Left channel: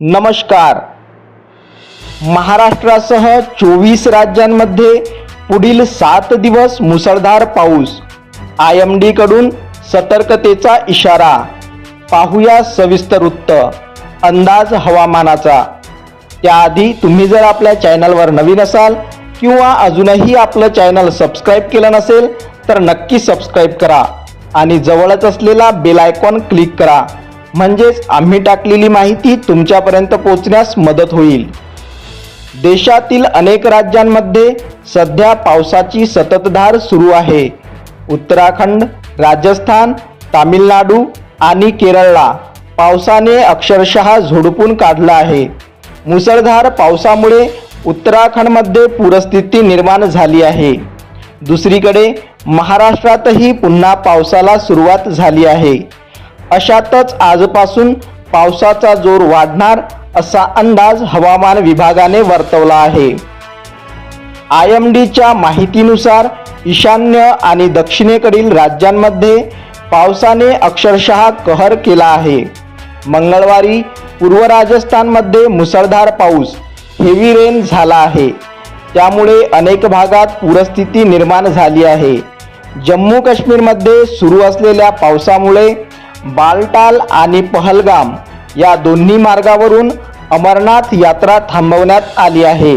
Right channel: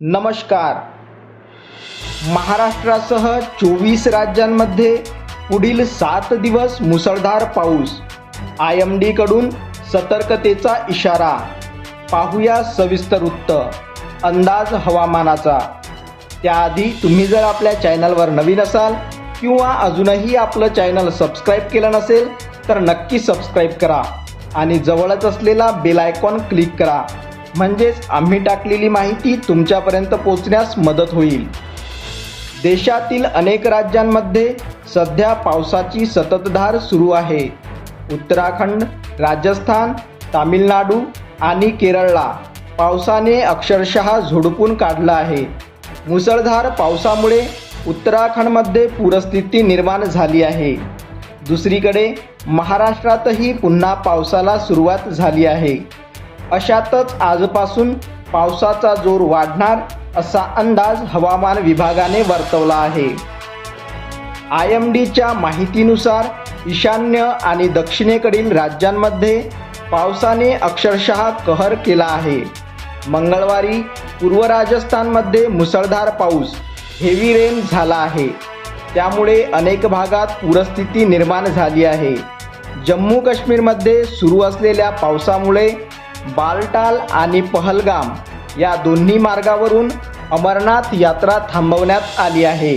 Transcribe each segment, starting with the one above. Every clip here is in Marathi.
नमस्कार. महाराष्ट्रासह चोवीस राज्यांमध्ये पुढील सात दिवस मुसळधार पाऊस. आय एमकडून सतर्कतेचा इशारा. पाहूया सविस्तर वृत्त. अंदाज हवामानाचा. त्याआधी तुम्ही जर आपल्या चॅनलवर नवीन असाल किंवा अजूनही आपलं चॅनल सबस्क्राईब केलं नसेल तर नक्की सबस्क्राईब करा आणि जवळच असलेला बेल आयकॉन क्लिक करा. म्हणजेच आम्ही टाकलेली माहिती तुमच्यापर्यंत पोहोचण्यास मदत होईल. देशातील अनेक राज्यांमध्ये सध्या पावसाची सततधार सुरू आहे. उत्तराखंड राजस्थान तामिळनाडू आणि केरळला पावसाने अक्षरशः झोडपून काढला आहे. मुसळधार पावसामुळे उत्तराखंडमध्ये पूरस्थिती निर्माण झाली आहे. दुसरीकडे महाराष्ट्रातही पुन्हा पावसाला सुरुवात झाली आहे. अशातच आजपासून पावसाचा जोर वाढणार असा अंदाज हवामान विभागाने वर्तवला आहे. आय एम डीच्या माहितीनुसार ईशान्य आणि दक्षिणेकडील राज्यांमध्ये पावसाने अक्षरशः कहर केला आहे. मंगळवारी पूर्व राजस्थानमध्ये मुसळधार पाऊस हेवी रेन झाला आहे. त्यामुळे अनेक भागात पूरस्थिती निर्माण झाली आहे. जम्मू काश्मीरमध्ये सुरू असलेल्या पावसामुळे बालटाल आणि पहलगाम या दोन्ही मार्गावरून अमरनाथ यात्रा थांबवण्यात आली आहे.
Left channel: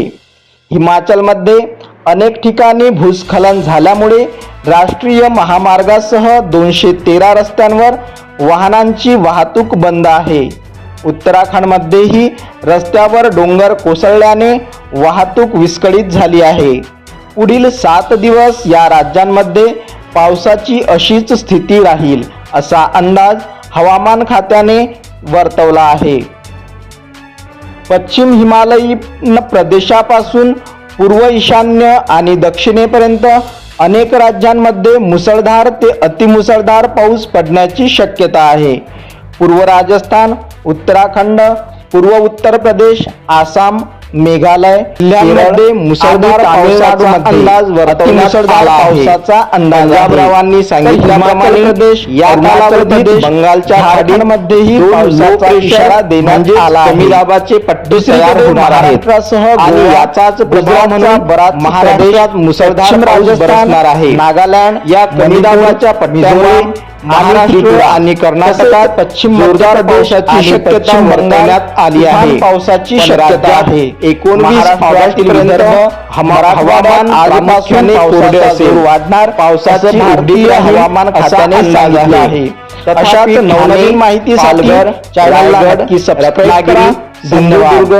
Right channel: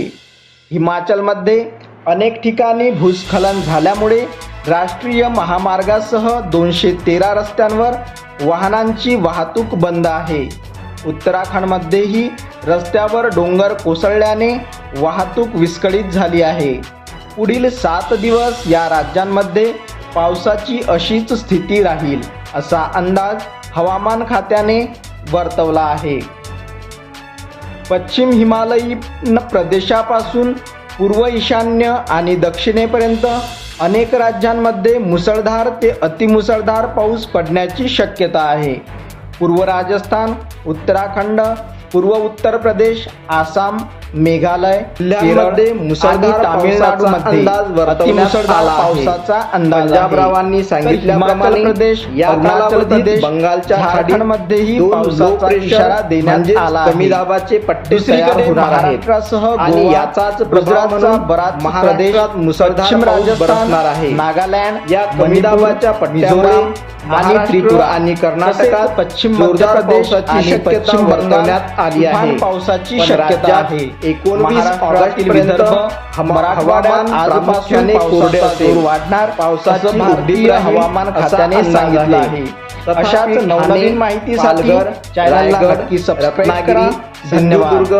हिमाचलमध्ये अनेक ठिकाणी भूस्खलन झाल्यामुळे राष्ट्रीय महामार्गासह दोनशे तेरा रस्त्यांवर वाहनांची वाहतूक बंद आहे. उत्तराखंडमध्येही रस्त्यावर डोंगर कोसळल्याने वाहतूक विस्कळीत झाली आहे. पुढील सात दिवस या राज्यांमध्ये पावसाची अशीच स्थिती राहील. असा अंदाज हवामान खात्याने वर्तवला आहे. पश्चिम हिमालयीन प्रदेशापासून पूर्व ईशान्य आणि दक्षिणेपर्यंत अनेक राज्यांमध्ये मुसळधार ते अतिमुसळधार पाऊस पडण्याची शक्यता आहे. पूर्व राजस्थान उत्तराखंड पूर्व उत्तर प्रदेश आसाम मेघालय जिल्ह्यांमध्ये मुसळधार तामिळनाडूमध्ये अतिमुसळधार पावसाचा अंदाज प्रदेश या अरुणाचल प्रदेश बंगालच्या झारखंडमध्येही पावसाचा इशारा देण्यात आला आहे. कमी दाबाचे पट्टे गुजरातचा बराच महाराष्ट्रात मुसळधार आहे. नागालँड या कमी दाबाच्या पट्ट्यामुळे आणि त्रिपुरा आणि कर्नाटकात पश्चिम मध्य प्रदेशाची शक्यता वर्तवण्यात आली आहे. पावसाची शक्यता आहे. एकोणवीस ऑगस्ट आजपासून जोर वाढणार पावसाचं भारतीय हवामान खात्याने सांगितले आहे. अशाच नवनवीन माहितीसाठी चॅनलला नक्की सबस्क्राईब करा. धन्यवाद.